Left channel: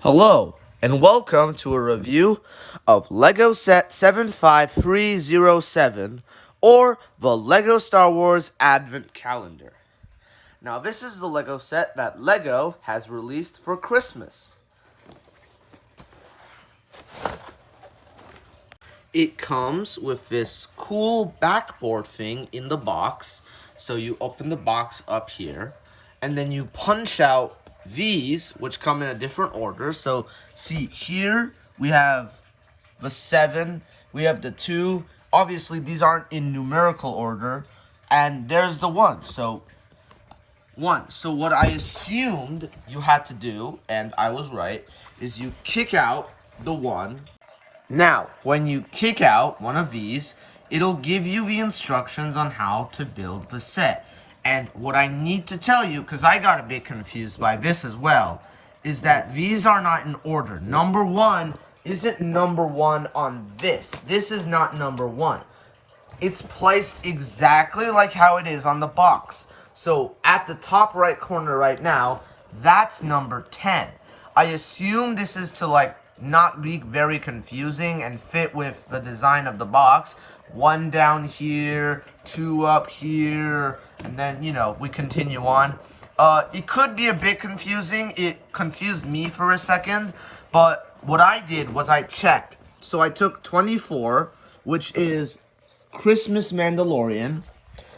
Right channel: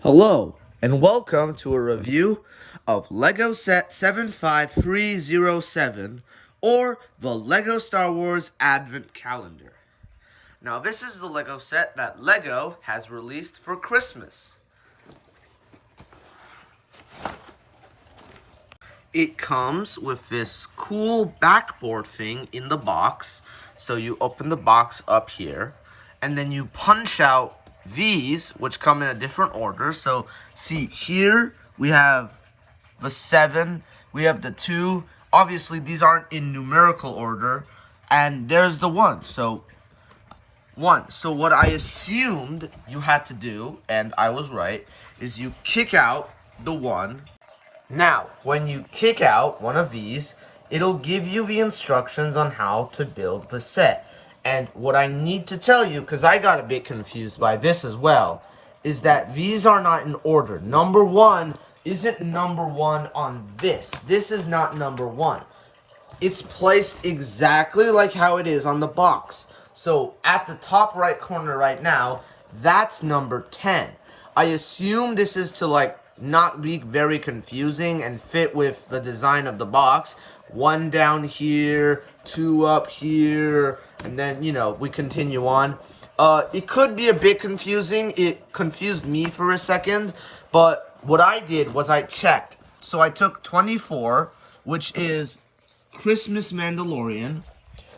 Hello, and welcome to a review of LEGO Set 75307, or the LEGO Star Wars Advent Calendar. Now, this is the LEGO set that LEGO has released for Christmas. It comes with this cool backboard thing in the box. So you open the box up here, and then you punch out these, which come in a different order. So see here, we have the 7, we have the 2. Obviously, these aren't in numerical order, and there's the 1. So 1. So what I assumed you had to do, and I was right, is you kick out the 1. Now, when you kick out one of these, it'll give you the instructions on how to build the set. And what I need to tell you, because I got a bit confused by this as well, is that these are not in order. Number 1 isn't number 1 on this. This is not number 1. It's placed exactly like how it is on the box. So at the top right corner right now, that's number 10. I assume this is to not be very confusing and fit with the design of the box. 1 down here, 2 up here, and then, we continue on. It could be a bit confusing. It confused me for a second, but what I did was I checked. So I took 24, which is Christmas Mandalorian,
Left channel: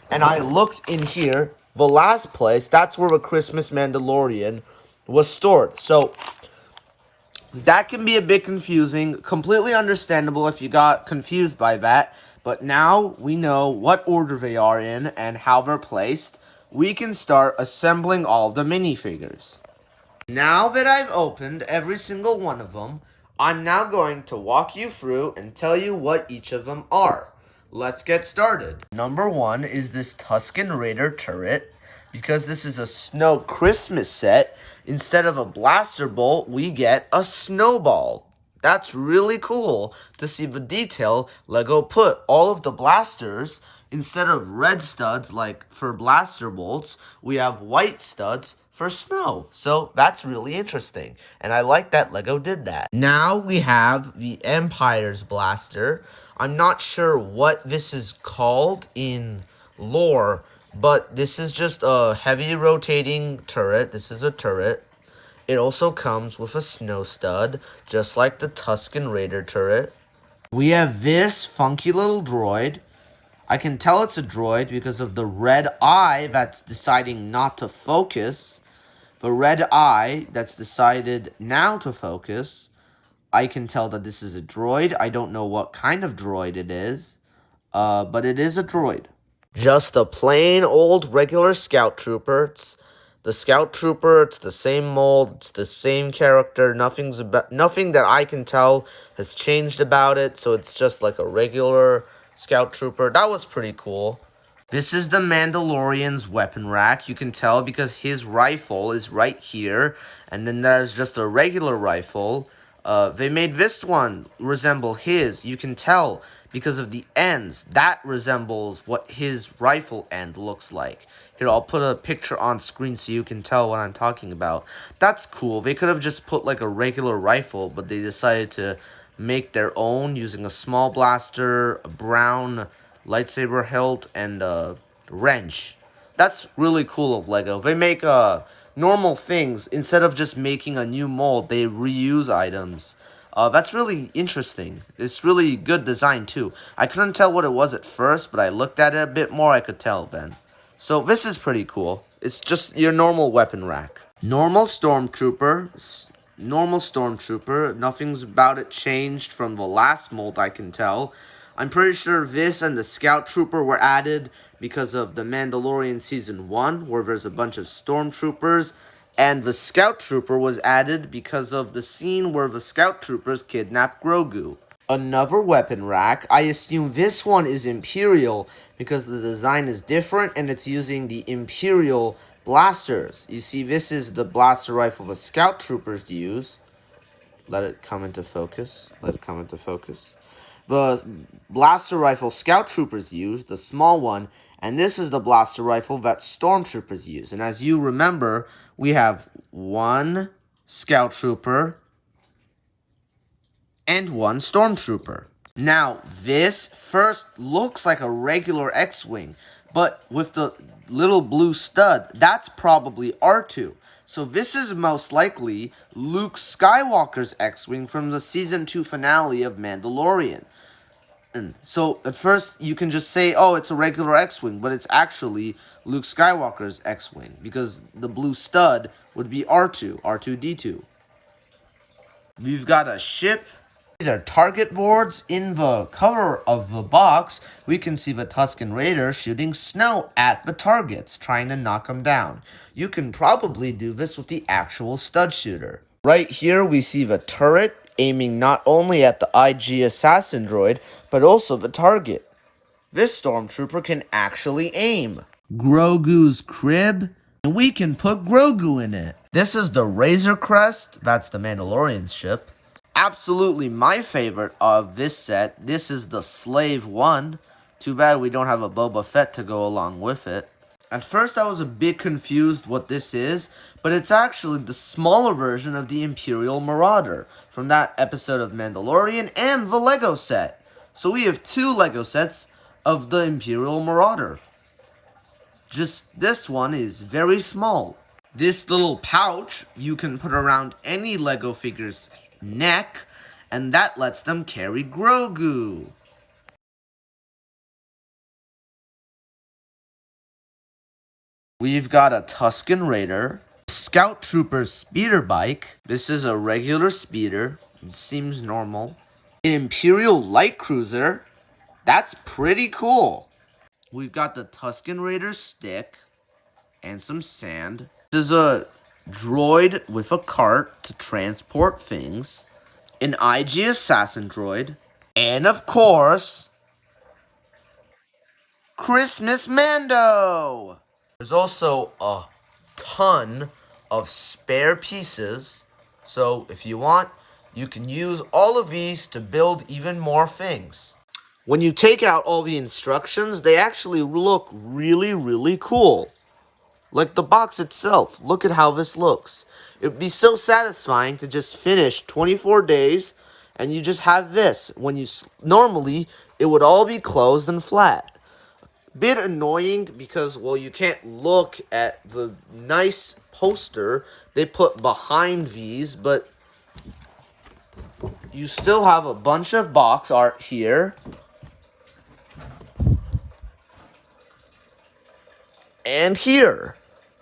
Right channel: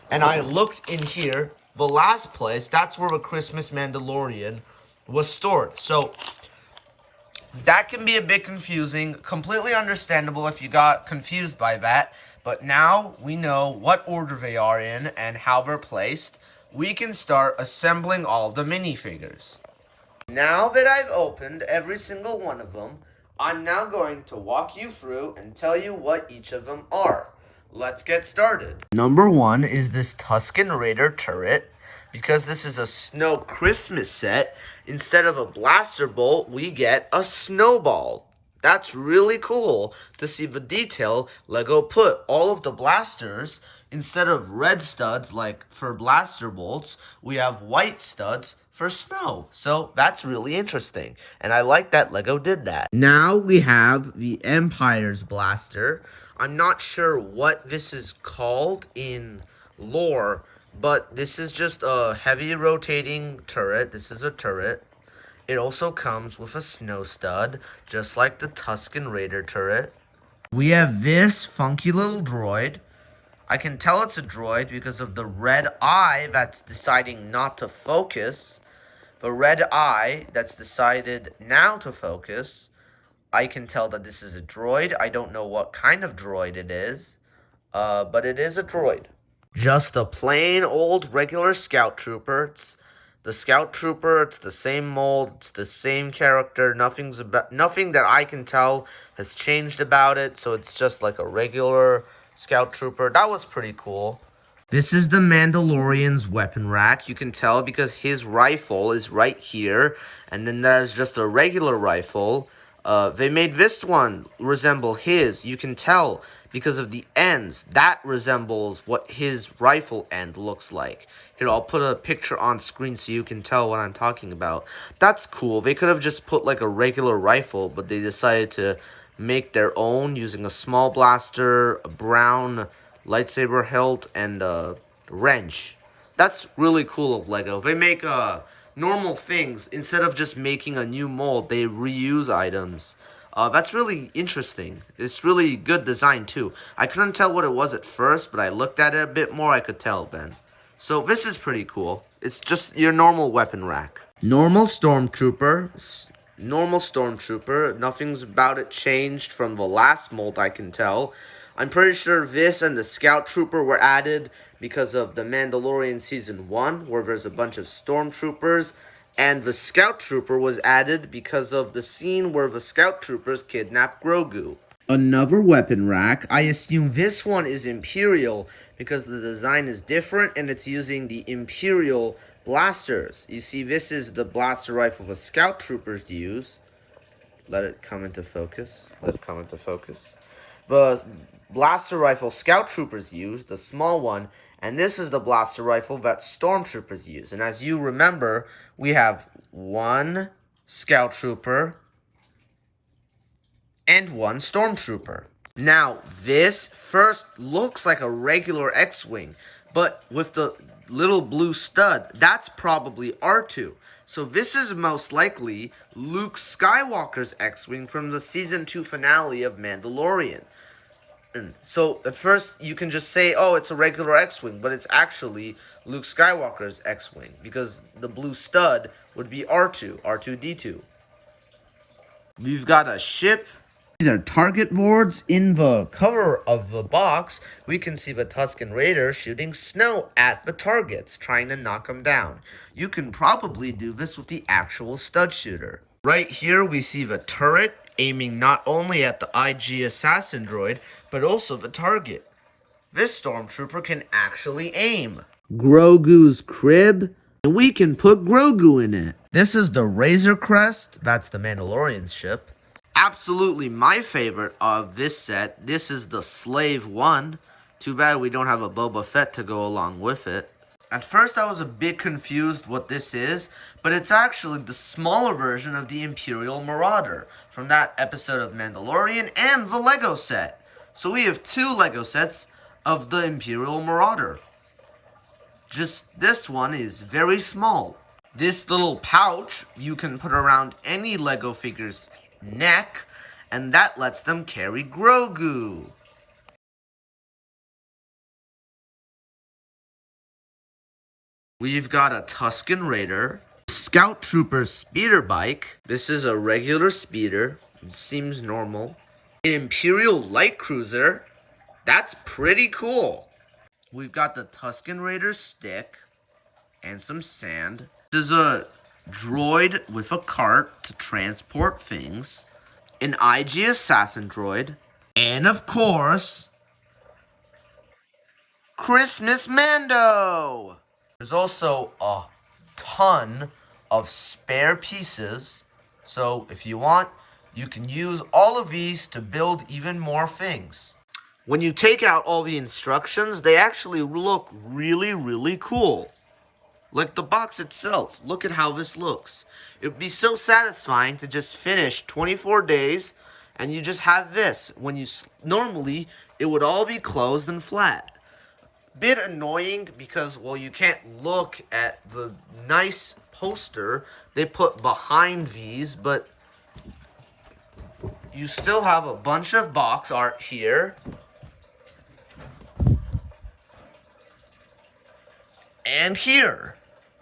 and I looked in here, the last place, that's where the Christmas Mandalorian was stored. So that can be a bit confusing, completely understandable if you got confused by that, but now we know what order they are in and how they're placed. We can start assembling all the minifigures. Now that I've opened every single one of them, I'm now going to walk you through and tell you what each of them are. Let's get started. Number 1 is this Tuscan Raider turret. Because this is a snow Christmas set, instead of a blaster bolt, we get a snowball. That's really cool to see the detail LEGO put. All of the blasters, instead of red studs like for blaster bolts, we have white studs for snow. So that's really interesting. And I like that LEGO did that. Now we have the Empire's blaster. I'm not sure what this is called in lore, but this is just a heavy rotating turret. This is a turret. It also comes with a snow stud, just like the Tuscan Raider turret. We have this funky little droid. I can tell it's a droid because of the red eye that's deciding not to focus. The red eye that's decided now to focus. I can tell that this is a droid. I don't know what kind of droid it is, but it is a droid. Just a plain old regular Scout Trooper. It's the Scout Trooper. It's the same mold. It's the same character. Nothing that I can tell has changed about it. So it's just like a regular Scout Trooper. That was pretty cool. This is the Mandalorian's weapon rack. You can tell because his rifle is right here. And then there's just a regular rifle. They made this one resemble his. You can tell because of the ends. That resembles what his rifle end looks like. Here, I'll put a picture on screen so you can tell what I'm talking about. That's cool. They could have just put like a regular rifle, but they decided to make their own using a small blaster, a brown lightsaber hilt, and a wrench. That's really cool of LEGO. They make normal things. Instead of just making a new mold, they reuse items. That's really interesting. It's really good design too. I couldn't tell what it was at first, but I looked at it a bit more, I could tell then. So this is pretty cool. It's just your normal weapon rack. Normal Stormtrooper. Nothing's about it changed from the last mold, I can tell. I'm pretty sure this and the Scout Trooper were added because of the Mandalorian Season 1, where there's a bunch of Stormtroopers. And the Scout Trooper was added because of the scene where the Scout Troopers kidnap Grogu. Another weapon rack. I assume this one is Imperial because the design is different and it's using the Imperial blasters. You see, this is the blaster rifle the Scout Troopers use. Let it come into focus. The blaster rifle Scout Troopers use, the small one, and this is the blaster rifle that Stormtroopers use. And as you remember, we have one Scout Trooper, and 1 stormtrooper. Now, this first looks like a regular X-Wing, but with the little blue stud, that's probably R2. So this is most likely Luke Skywalker's X-Wing from the Season 2 finale of Mandalorian. And so at first you can just say, oh, it's a regular X-Wing, but it's actually Luke Skywalker's X-Wing, because the blue stud would be R2, R2-D2. We've got a ship. These are target boards. In the cover of the box, we can see the Tuscan Raider shooting snow at the targets, trying to knock them down. You can probably do this with the actual stud shooter. Right here, we see the turret aiming not only at the IG assassin droid, but also the target. This stormtrooper can actually aim. Grogu's crib, and we can put Grogu in it. This is the Razor Crest, that's the Mandalorian ship. Absolutely my favorite of this set, this is the Slave 1. Too bad we don't have a Boba Fett to go along with it. At first I was a bit confused what this is, but it's actually the smaller version of the Imperial Marauder from that episode of Mandalorian and the Lego set. So we have 2 Lego sets of the Imperial Marauder. Just this one is very small. This little pouch you can put around any Lego figure's neck, and that lets them carry Grogu. We've got a Tuscan Raider, Scout Trooper speeder bike. This is a regular speeder. It seems normal. An Imperial light cruiser. That's pretty cool. We've got the Tuscan Raider stick and some sand. This is a droid with a cart to transport things. An IG assassin droid. And of course, Christmas Mando. There's also a ton of spare pieces. So if you want, you can use all of these to build even more things. When you take out all the instructions, they actually look really, really cool. Like the box itself, look at how this looks. It would be so satisfying to just finish 24 days and you just have this. When you normally, it would all be closed and flat. Bit annoying because, well, you can't look at the nice poster they put behind these, but you still have a bunch of box art here. And here.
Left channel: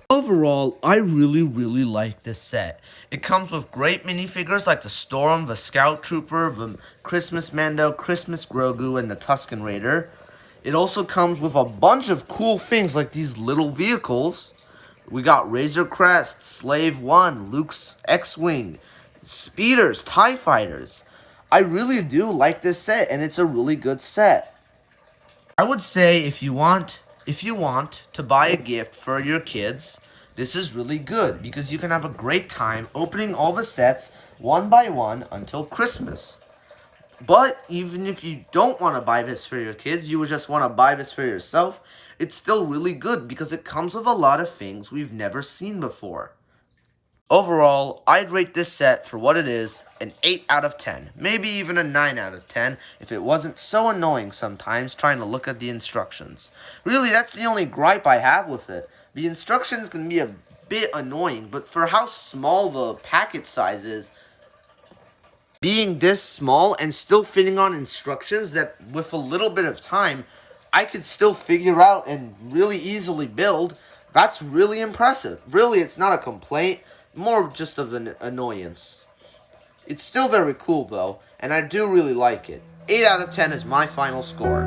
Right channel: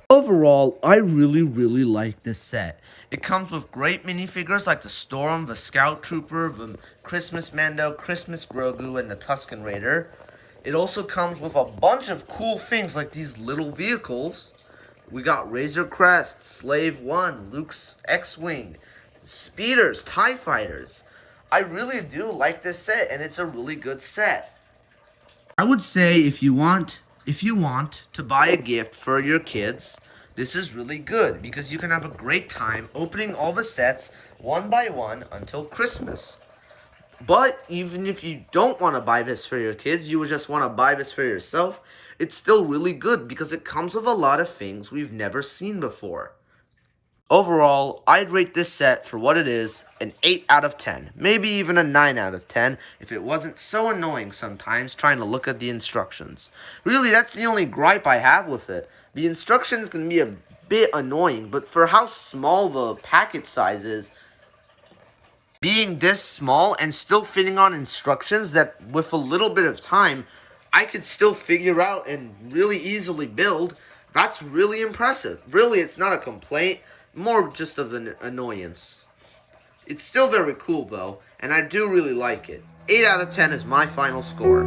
Overall, I really, really like this set. It comes with great minifigures like the Storm, the Scout Trooper, the Christmas Mando, Christmas Grogu, and the Tuscan Raider. It also comes with a bunch of cool things like these little vehicles. We got Razor Crest, Slave 1, Luke's X-Wing, speeders, TIE fighters. I really do like this set, and it's a really good set. I would say if you want to buy a gift for your kids, this is really good because you can have a great time opening all the sets one by one until Christmas. But even if you don't want to buy this for your kids, you would just want to buy this for yourself, it's still really good because it comes with a lot of things we've never seen before. Overall, I'd rate this set for what it is an 8 out of 10, maybe even a 9 out of 10 if it wasn't so annoying sometimes trying to look at the instructions. Really, that's the only gripe I have with it. The instructions can be a bit annoying, but for how small the packet size is, being this small and still fitting on instructions that with a little bit of time, I could still figure out and really easily build, that's really impressive. Really, it's not a complaint, more just of an annoyance. It's still very cool though, and I do really like it. 8 out of 10 is my final score.